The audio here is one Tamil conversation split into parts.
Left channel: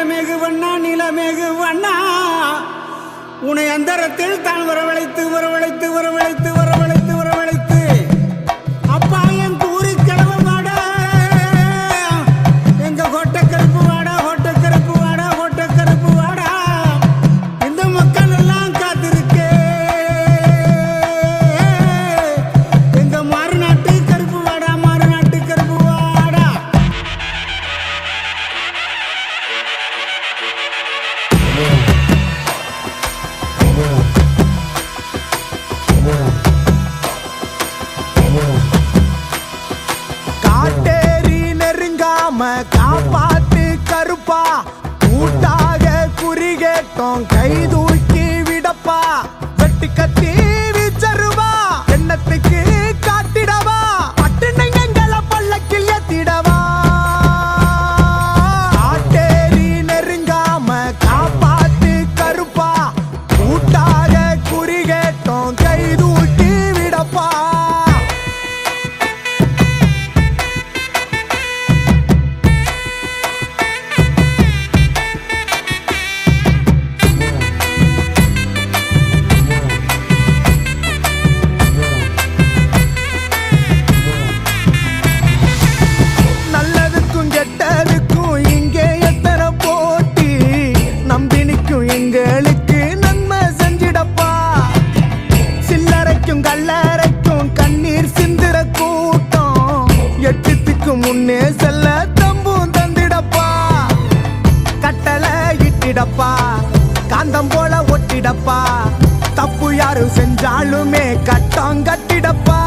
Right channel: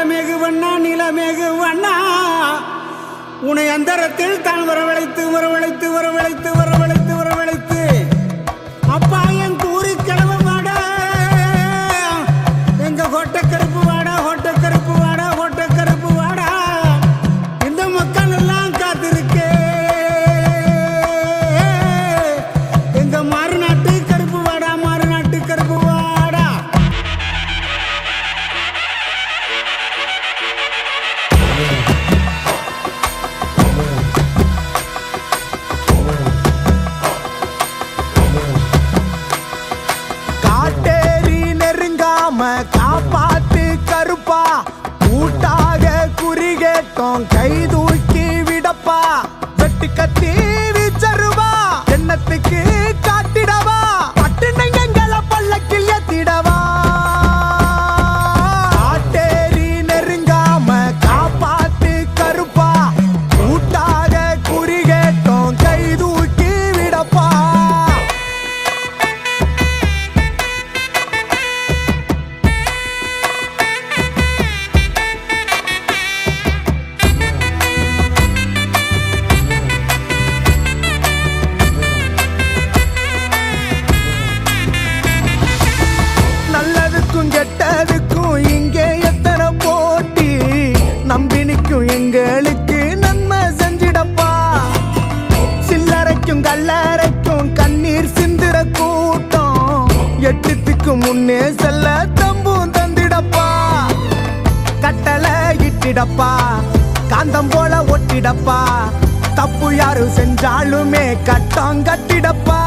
நிலமேகு வண்ணா நிலமேகு வண்ணா. உன்னை அந்தரத்தில் தான் வரவழைத்து வரவழைத்து வரவழைத்து வரவழைத்து. நெருங்காம காப்பாத்து கருப்பா. கூட்டாக குறி கேட்டோம் கை தூக்கி விடப்பா. வெட்டு கத்தி வீச்சருவா நம்பினிக்கும் எங்களுக்கு நன்மை செஞ்சிடப்பா. சில்லறைக்கும் கல்லறைக்கும் கண்ணீர் சிந்திர கூட்டம். எட்டுத்துக்கு முன்னே செல்ல தம்பும் தந்திடப்பா. கட்டளை இட்டிடப்பா. காந்தம் போல ஒட்டிடப்பா. தப்பு யாரும் செஞ்சாலுமே கட்டம் கட்டிடப்பா.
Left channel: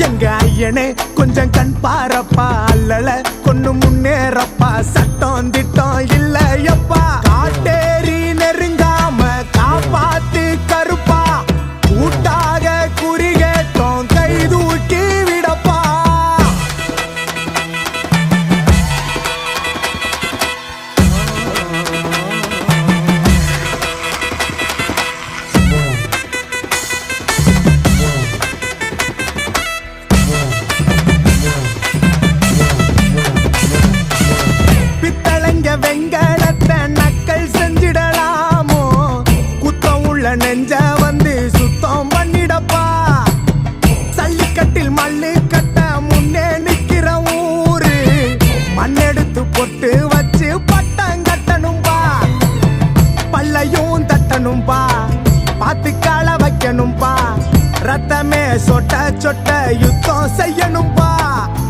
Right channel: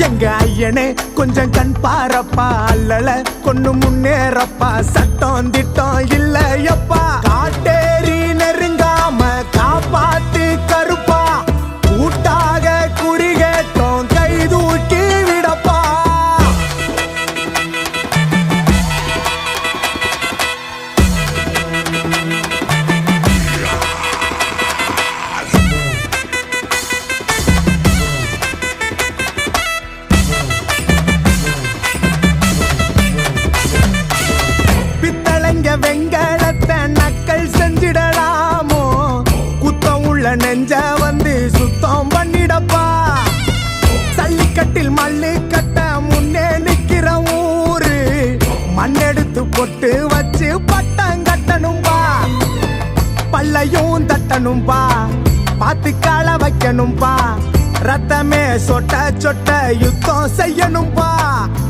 எங்க ஐயனே கொஞ்சம் கண் பாரப்பா அல்லல கொண்டு முன்னேறப்பா. சட்டம் திட்டம் இல்லையப்பா. காட்டேரி நெருங்காம காப்பாத்து கருப்பா. கூட்டாக குறி கேட்டோம் கை தூக்கி உள்ள நெஞ்ச வந்து சுத்தம் பண்ணிடப்பா. சல்லிக்கட்டில் மல்லு கட்ட முன்னே நிக்கிற ஊரு. மண்ணெடுத்து பொட்டு வச்சு பட்டம் கட்டணும்பா. பல்லையும் தட்டணும்பா. பார்த்து கால வைக்கணும்பா. ரத்தமே சொட்ட சொட்ட யுத்தம் செய்யணும்பா.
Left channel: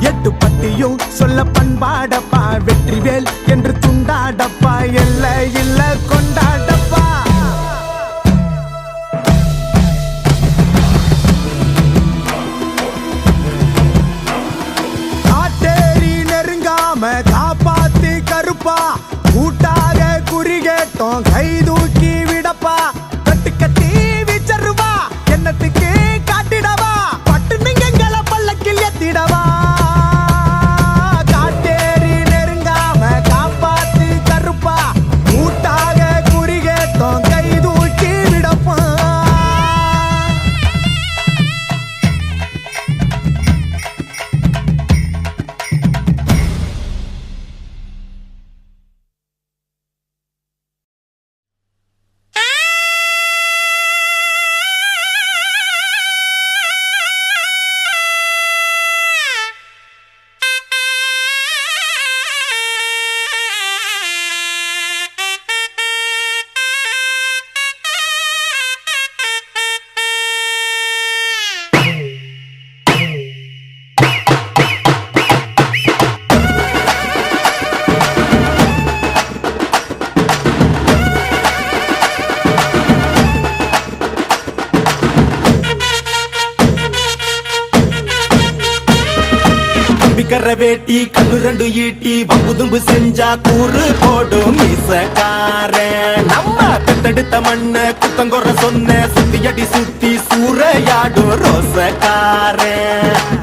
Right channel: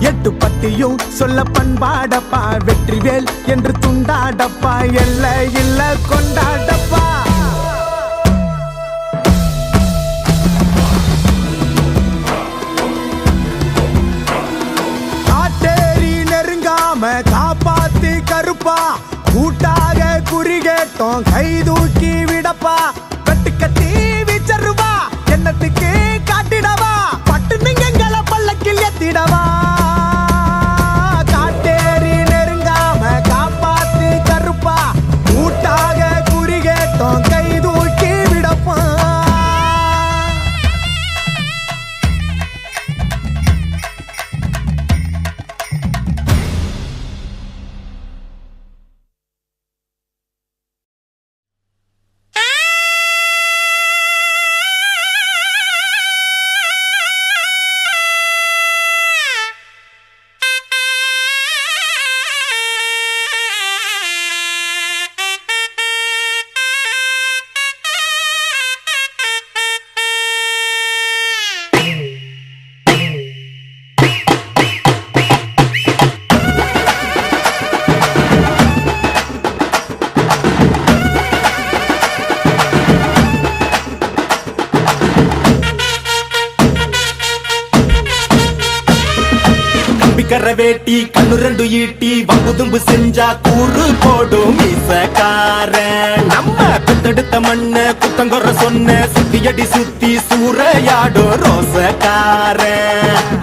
எட்டு பட்டியும் சொல்ல பண்பாடப்பா. வெற்றிவேல் என்று துண்டாடப்பா. எல்ல இல்ல கொண்டாடப்பா. நாம காப்பாத்து கருப்பா. கூட்டாக குறி கேட்டோம் கை தூக்கி விடப்பா. கட்டு கட்டி விச்சருவா என்னத்துக்கு கம்பிக்கர வேட்டி கண்ணு ரெண்டு ஈட்டி வம்புதும்பு செஞ்சா கூறு போடும் மீசக்கார நம்ம பெத்தெடுத்த மண்ண குத்தங்குற சொன்ன சுத்தியடி சுத்தி சூறையாடும் ரோசக்கார.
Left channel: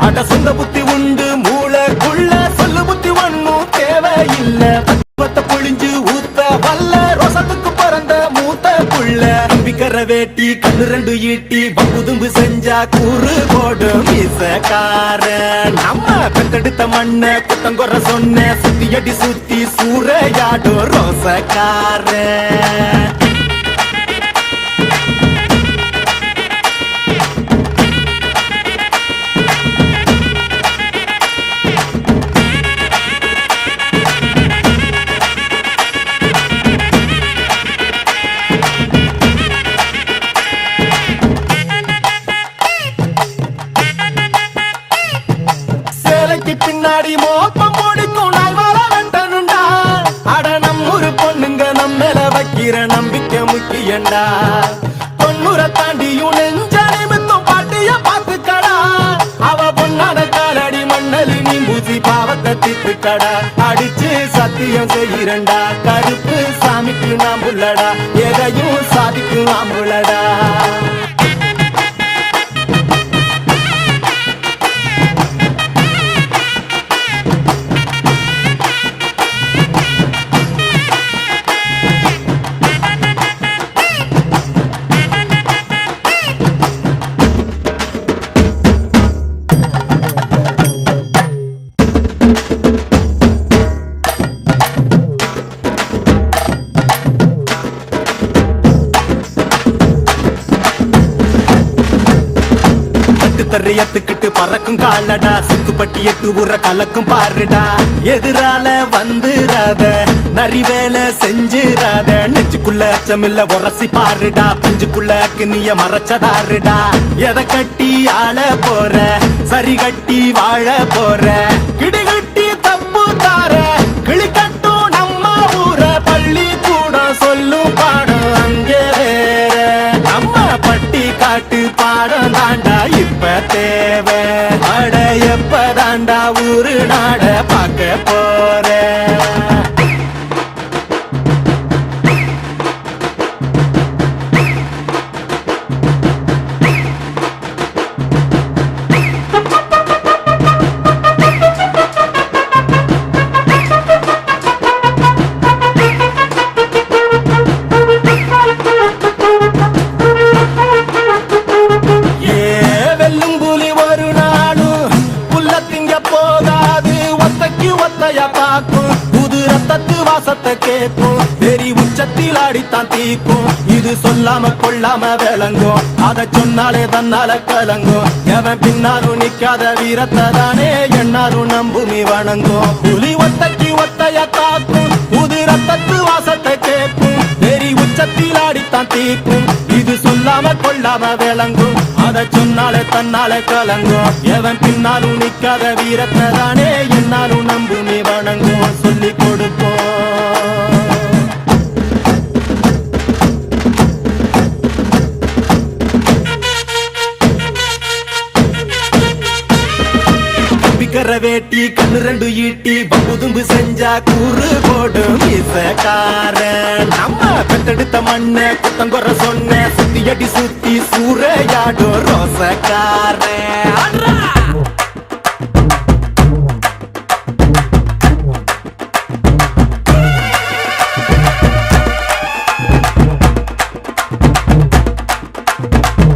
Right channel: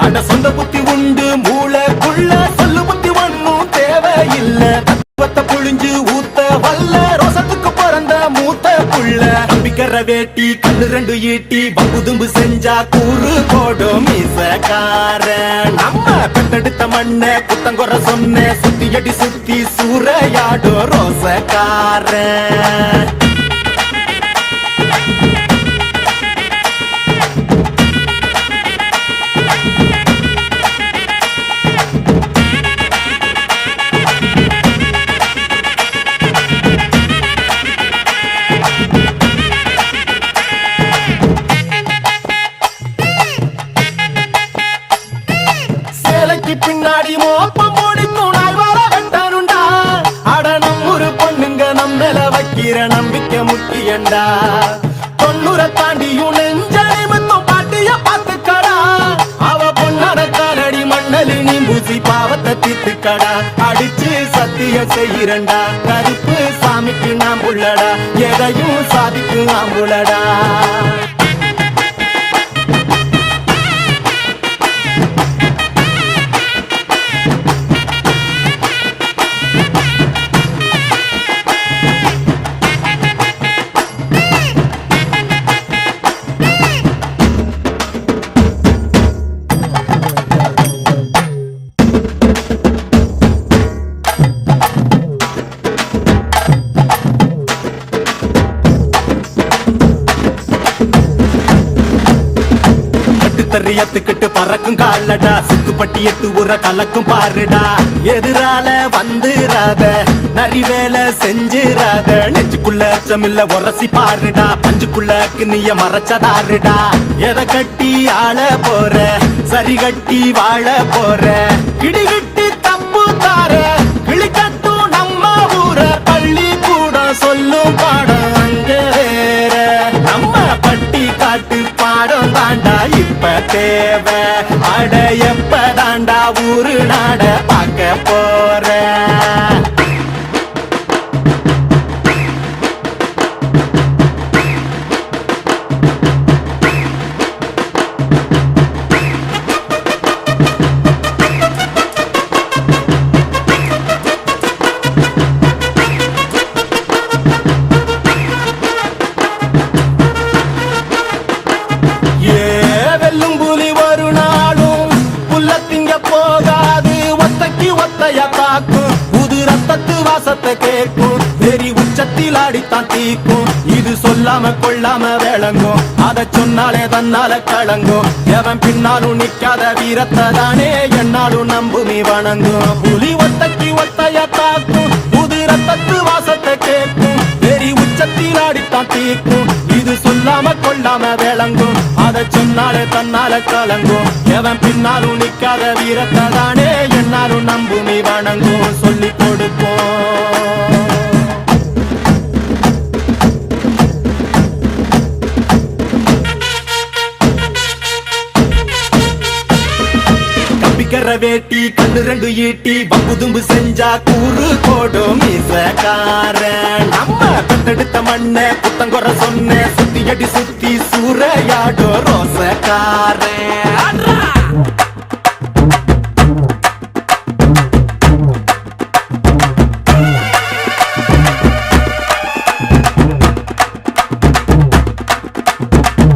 அட சொந்த புத்தி உண்டு மூளைக்குள்ள சொல்லு புத்தி ஒண்ணும் தேவையில்லை. வேட்டி கல் ரெண்டு ஈட்டி பகுதும்பு செஞ்சா கூறு போடும் இசக்கார நம்ம பெத்தெடுத்த மண்ண குத்தங்குற சொன்ன சுத்தி அடி சுத்தி சூறையாடும் ரோசக்கார தொண்ணூற தாண்டியும் நெஞ்ச நிமித்தம் பாட்டிய பாத்துக்கடா அவ பொண்ணாட காலடி மண்டலி நீ பூசி பாவத்தை திட்டுக்கடா அடிச்சு சத்தியம் செய்கிறண்டா கருப்பு சாமிக்கு நாம் உள்ளடா. எதையும் சாதிக்கும் நாம் தறியத்துக்கிட்டு பறக்கும் காலடா. சுக்குப்பட்டி எட்டு உர கலக்கும் பாருடா. எதிரால வந்துராத நரி வேலை செஞ்சிராத நெஞ்சுக்குள்ள அச்சமில்ல உரசி பாருடா. பஞ்சுக்குள்ள கிண்ணிய மறைச்சதாருடா. எதை கட்டி ஆள போற? சரி கட்டி வாழ போற? இடிகட்டி தப்பு தார. கிளிக்கட்டும் நம்ம ஊர. பள்ளி கூட சொல்லும் பாடம் அங்கே வேற. நம்ம பட்டி காட்டு பாடம் தாண்டா. இப்ப தேவை. வாசத்தை கேட்கும் வெறி உச்சத்தில் அடித்தான் தீக்கும் இது சொல்லாம கொள்ளாம விளங்கும். அத சொன்னாலே தன்னால கலங்கும். எவன் பின்னாலும் நிக்காத வீரத்தை தானே என்னாலும் நம்புமி வணங்கும். புலி ஒத்தைக்கு ஒத்தைய தாக்கும் புது ரத்தத்து வாசத்தை கேட்கும் வெறி உச்சத்தில் அடித்தான் தீக்கும் இது சொல்லாம கொள்ளாம விளங்கும். அத சொன்னாலே தன்னால கலங்கும். எவன் பின்னாலும் நிக்காத வீரத்தை தானே என்னாலும் நம்புமி வணங்கும். சொல்லி கொடுப்போம். வேட்டி கண்ணு ரெண்டு ஈட்டி பங்குதும்பு செஞ்சா கூறு போடும் இசக்காரன். நம்ம பெத்தெடுத்த மண்ண குத்தங்குற சொன்ன சுத்தி அடி சுத்தி சூறையாடும் ரோசக்காரன்.